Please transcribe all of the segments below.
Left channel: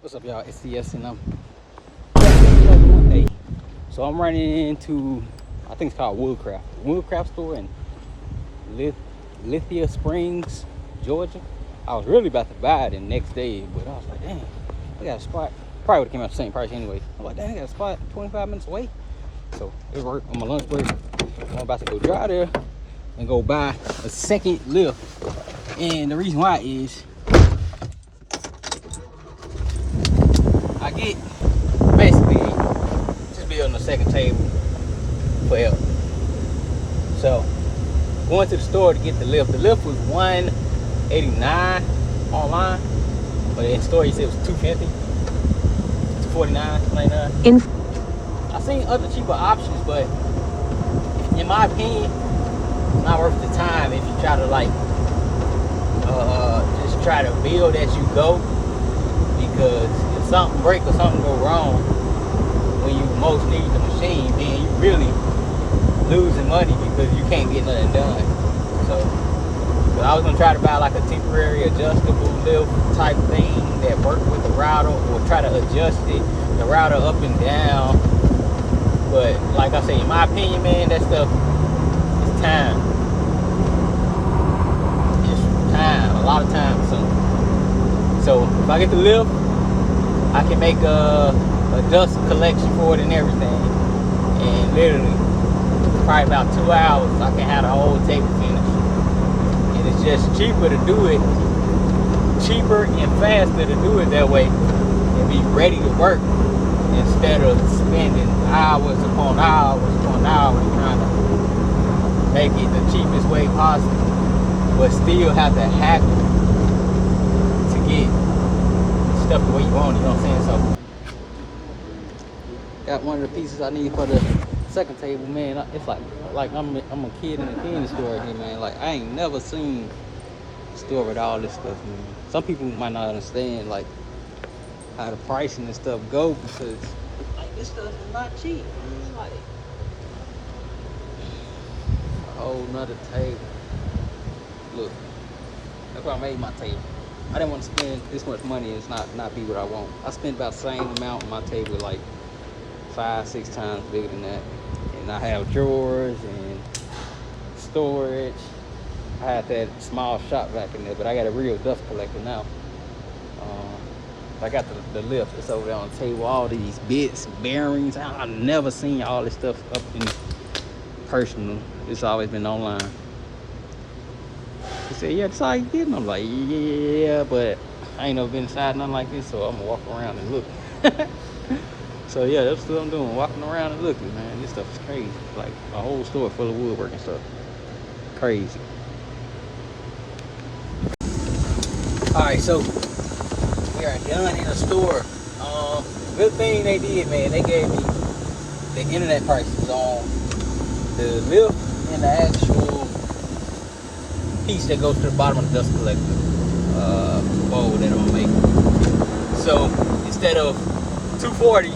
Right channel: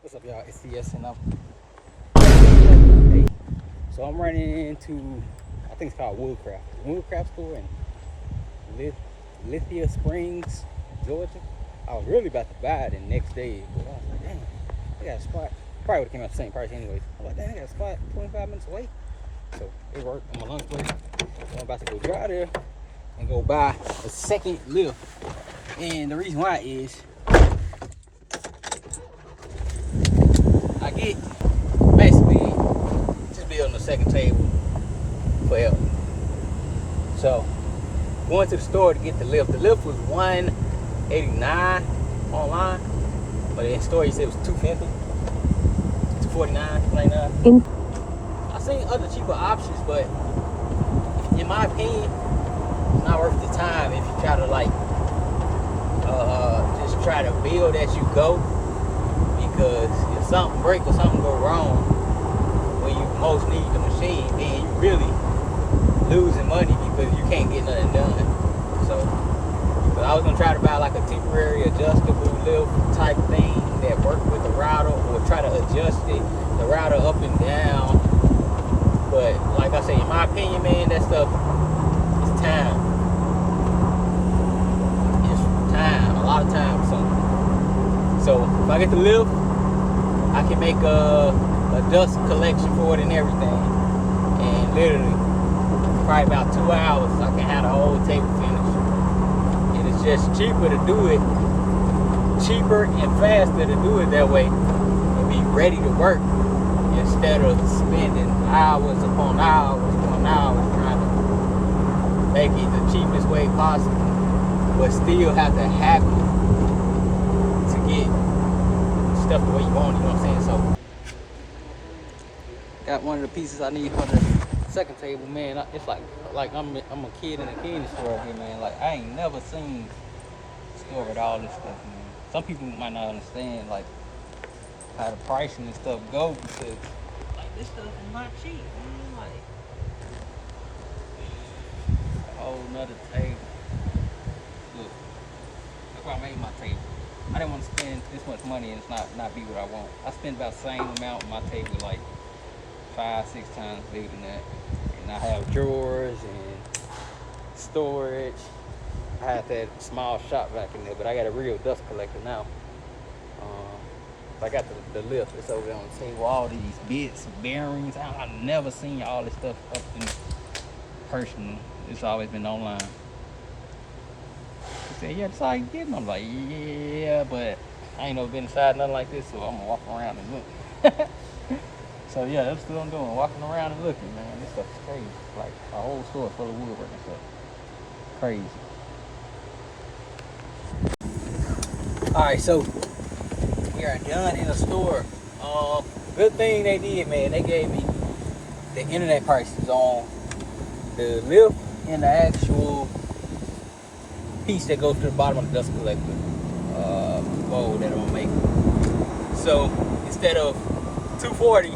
What's up, y'all? It's CS and hey, so I'm running into, I think it's called Woodcraft store in Lithia Springs, Georgia. I was really about to buy it the next day, but I was like, dang, I got a spot. Probably would have came out the same price anyway. I'm like, dang, I got a spot 25 minutes away. So it worked on my lunch break. I'm about to go drive there and go buy a second lift. And the reason why is I get basically just building a second table for help. So going to the store to get the lift. The lift was $189 online, but in store he said it was $250, $249, $99. I seen other cheaper options, but in my opinion, it's not worth the time if you try to like just try to build as you go, because if something breaks or something go wrong when you most need the machine, then you really losing money because you can't get nothing done. So I was gonna try to buy like a temporary adjustable lift type thing that worked with the router, or try to adjust the router up and down. But like I say, in my opinion, man, that stuff is time. It's time, a lot of time. So if I get the lift, I can make a dust collection for it and everything, and literally probably about 2 hours I can have the whole table finished. And it's just cheaper to do it, cheaper and faster to do it that way, and be ready to work, instead of spending hours upon hours upon hours trying to make it the cheapest way possible, but still have to hackle to get stuff the way you want it, you know what I'm saying? So got one of the pieces I need for the second table, man. It's like I'm a kid in a candy store again, man. Like, I ain't never seen a store with all this stuff, man. Some people might not understand like how the pricing and stuff go, because like this stuff is not cheap, man. Like, oh, another table. Look, that's why I made my table. I didn't want to spend this much money and it's not be what I want. I spent about the same amount on my table, like 5-6 times bigger than that. And I have drawers and storage. I had that small shop back in there, but I got a real dust collector now. I got the lift. It's over there on the table. All these bits, bearings. I've never seen all this stuff up in person. It's always been online. He said, yeah, that's all you get. I'm like, yeah, but I ain't never been inside nothing like this, so I'm gonna walk around and look. So yeah, that's what I'm doing, walking around and looking, man. This stuff is crazy. Like a whole store full of woodworking stuff. Crazy. Alright, so we are done in the store. Good thing they did, man. They gave me the internet prices on the lift and the actual piece that goes to the bottom of the dust collector bowl that I'm gonna make. So instead of $240,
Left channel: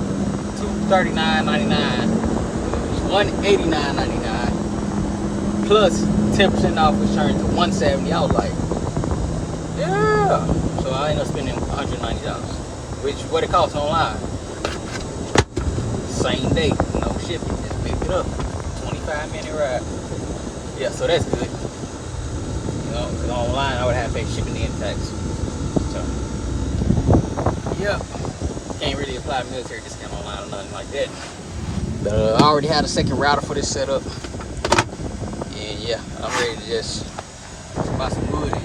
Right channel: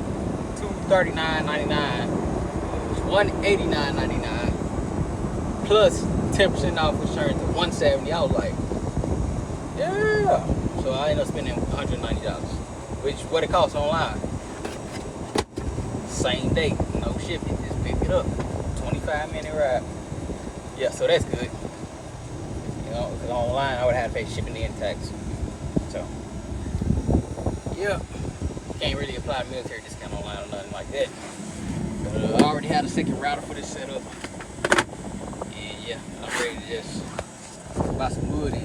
$239.99, it was $189.99 plus 10% off, which turned to $170. I was like, yeah. So I ended up spending $190, which what it costs online. Same day, no shipping, just pick it up. 25-minute ride. Yeah, so that's good. You know, because online I would have to pay shipping and tax. So, yeah, can't really apply military discount online or nothing like that. But I already had a second router for this setup, and yeah, I'm ready to just buy some wood and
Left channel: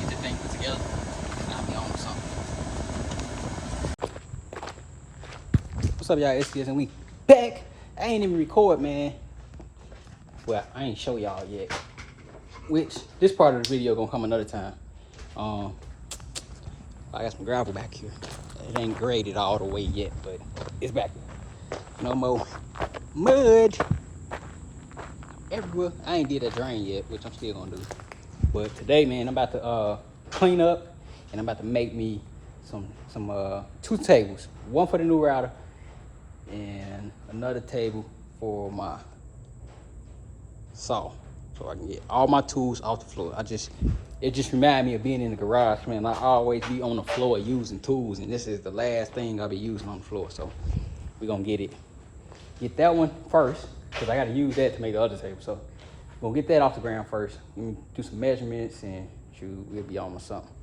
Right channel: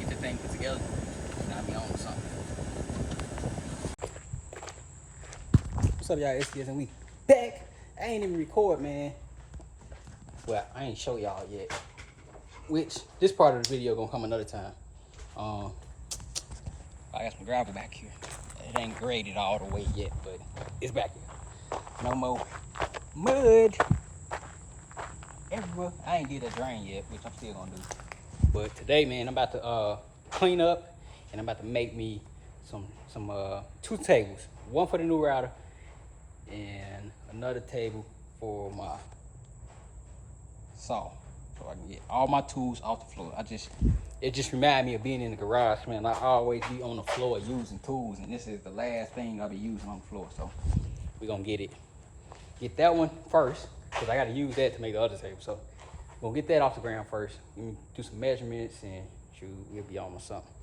get the thing put together. I'll be on something. What's up, y'all? It's and we back. I ain't even record, man. Well, I ain't show y'all yet. Which this part of the video gonna come another time. I got some gravel back here. It ain't graded all the way yet, but it's back here. No more mud everywhere. I ain't did a drain yet, which I'm still gonna do. But today, man, I'm about to clean up, and I'm about to make me some 2 tables. One for the new router, and another table for my saw. so I can get all my tools off the floor. It just reminds me of being in the garage, man. I always be on the floor using tools, and this is the last thing I'll be using on the floor. So we're gonna get that one first, because I gotta use that to make the other table. So we'll get that off the ground first. Do some measurements, and shoot, we'll be on with something.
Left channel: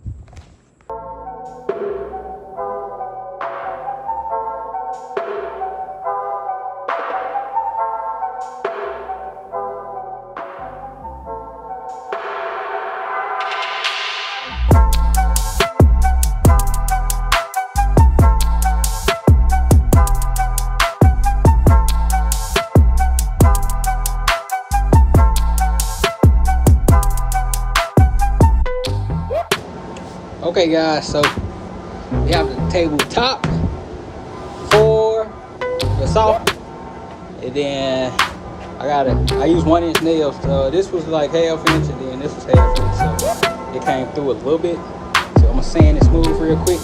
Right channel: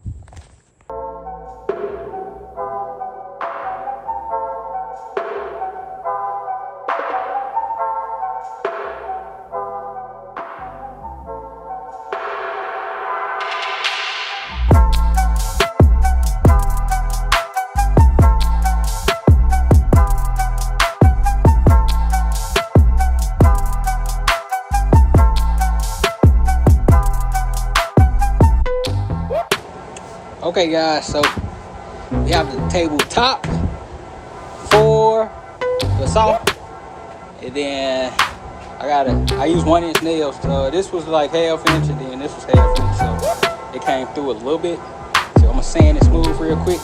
Okay guys, so we have the table top for the soft, and then I use 1-inch nails. This was like 1/2 inch, and then this was 1/2 inch, so it came through a little bit. So I'm gonna sand it smooth real quick,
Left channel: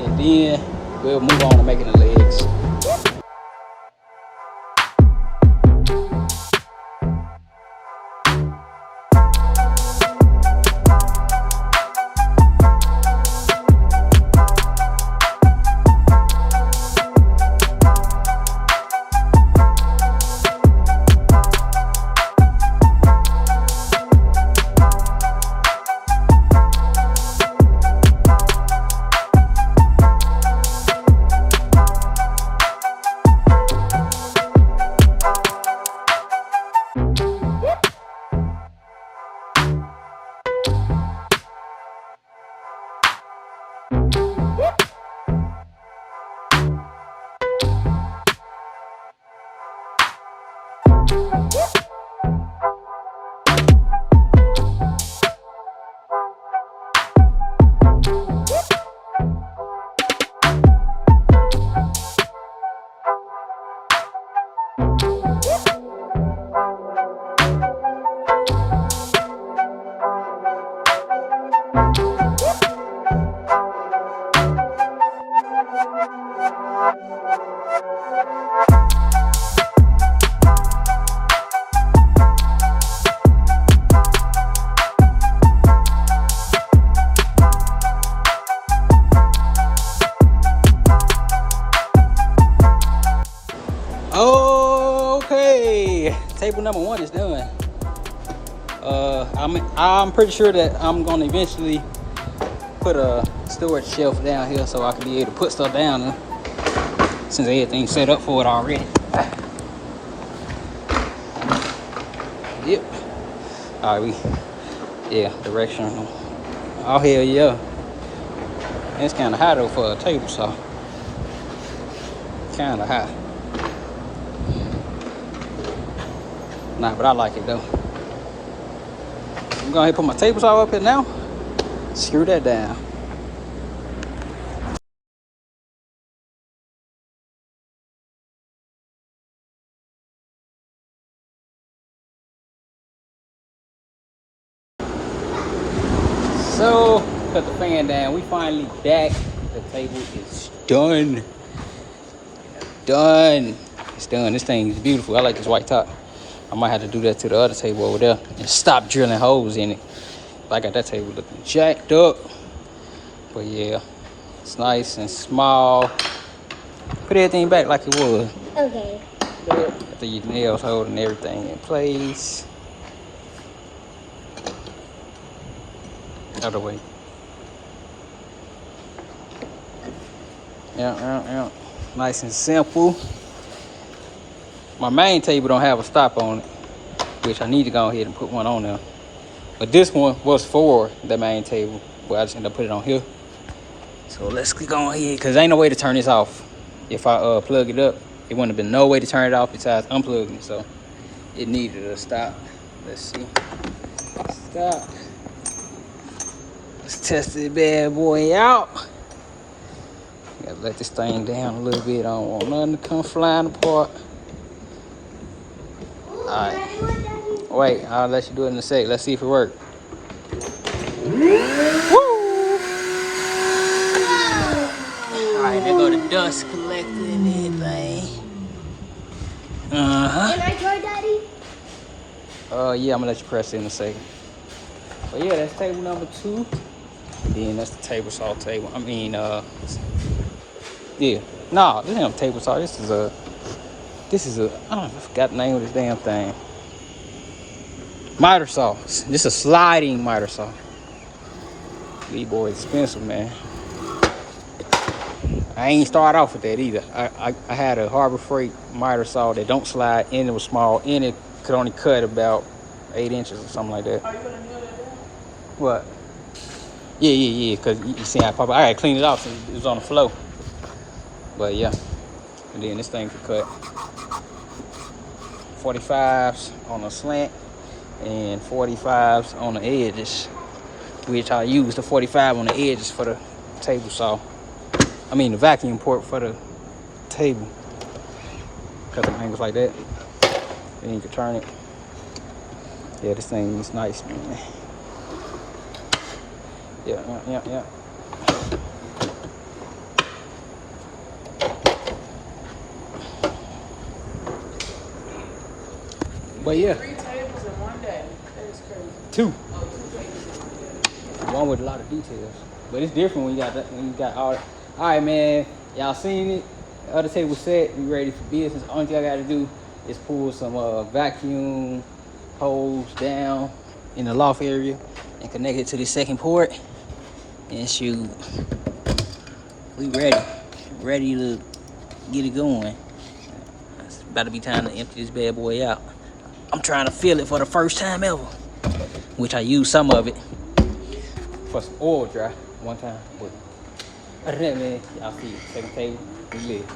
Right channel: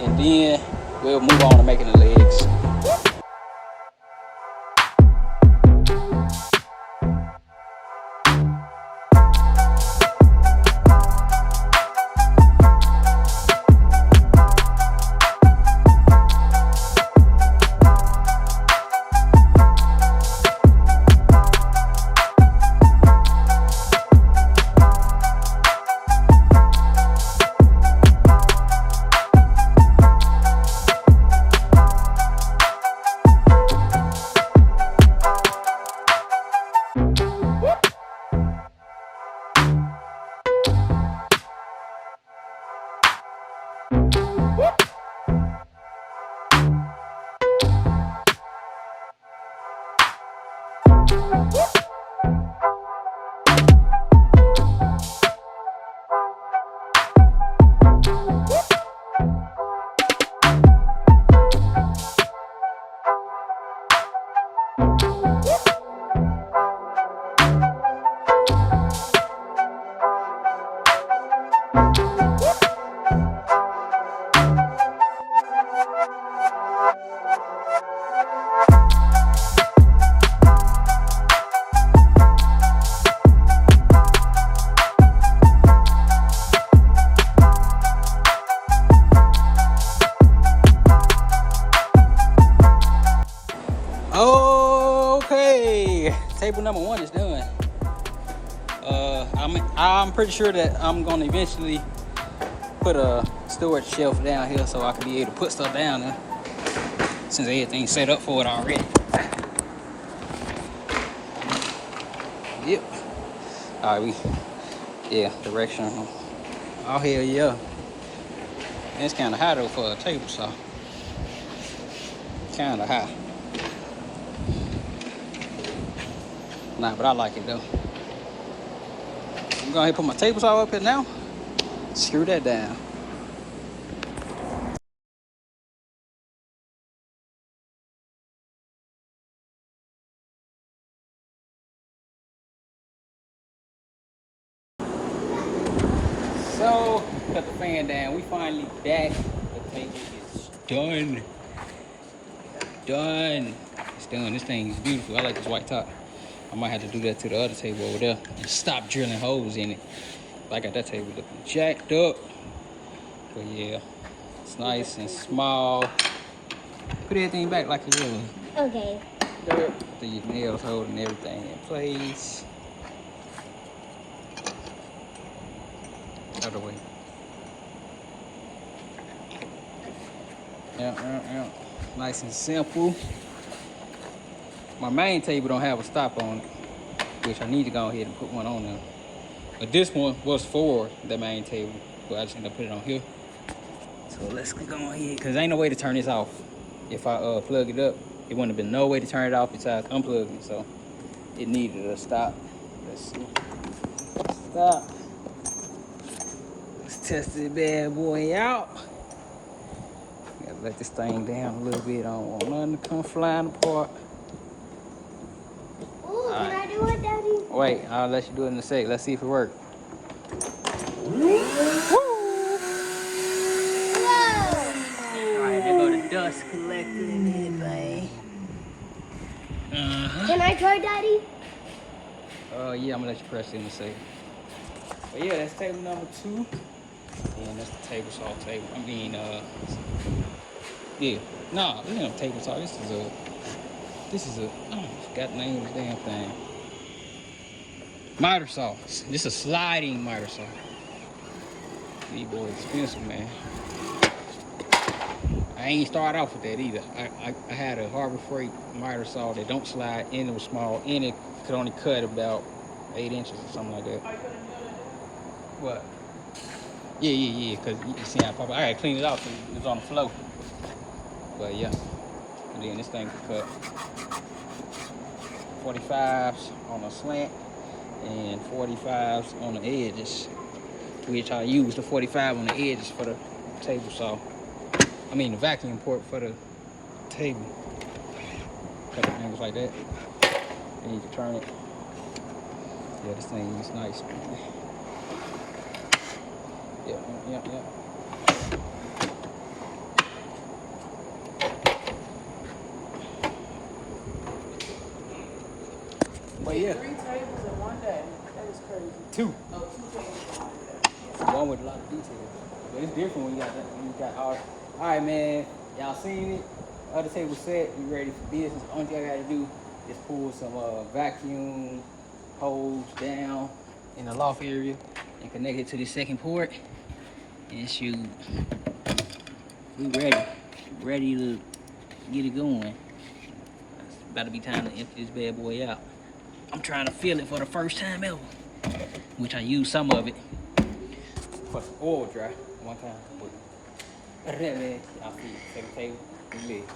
and then we'll move on to making the legs. Okay, table number 1 is done. I'm pretty sure that I'm gonna eventually put a storage shelf down here so I can be able to put stuff down there, since everything's set up for it already. Yep. All right, direction. Oh hell yeah. It's kind of high though for a table saw. Kind of high. Nah, but I like it though. I'm going to put my table saw up here now. Screw that down. So, cut the fan down. We finally back. The table is done. Done. It's done. This thing is beautiful. I like this white top. I might have to do that to the other table over there and stop drilling holes in it. I got that table looking jacked up. But yeah, it's nice and small. Put everything back like it was. Okay. After your nails holding everything in place. Other way. Yeah. Nice and simple. My main table don't have a stop on it, which I need to go ahead and put one on there. But this one was for the main table, but I just ended up putting it on here. So let's go ahead, because ain't no way to turn this off. If I plug it up, it wouldn't have been no way to turn it off besides unplugging it. So it needed a stop. Let's see. Stop. Let's test this bad boy out. Gotta let this thing down a little bit. I don't want nothing to come flying apart. Alright. Wait, I'll let you do it in a sec. Let's see if it works. Woo! Alright, there go the dust collector and everything. Can I try, Daddy? Yeah, I'm gonna let you press it in a second. But yeah, that's table number 2. Then that's the table saw table. I mean, yeah. No, this ain't a table saw. This is a, I forgot the name of this damn thing. Miter saw. This is a sliding miter saw. These boys expensive, man. I ain't start off with that either. I had a Harbor Freight miter saw that don't slide, and it was small, and it could only cut about 8 inches or something like that. Are you gonna nail that down? What? Yeah, because you see how I pop it. I gotta clean it off since it was on the floor. But yeah. And then this thing could cut 45s on a slant and 45s on the edges, which I use the 45 on the edges for the table saw. I mean the vacuum port for the table. Cut them angles like that. And you can turn it. Yeah, this thing is nice, man. Yeah. But yeah. 3 tables in one day. That is crazy. 2. Oh, 2 tables. One with a lot of details. But it's different when you got that. When you got all right, man. Y'all seen it? The other table set. We ready for business. The only thing I got to do is pull some vacuum hose down in the loft area and connect it to the second port. And shoot, we ready to get it going. It's about to be time to empty this bad boy out. I'm trying to fill it for the first time ever, which I used some of it for some oil dry one time. But other than that, man, y'all see it. Second table, we live.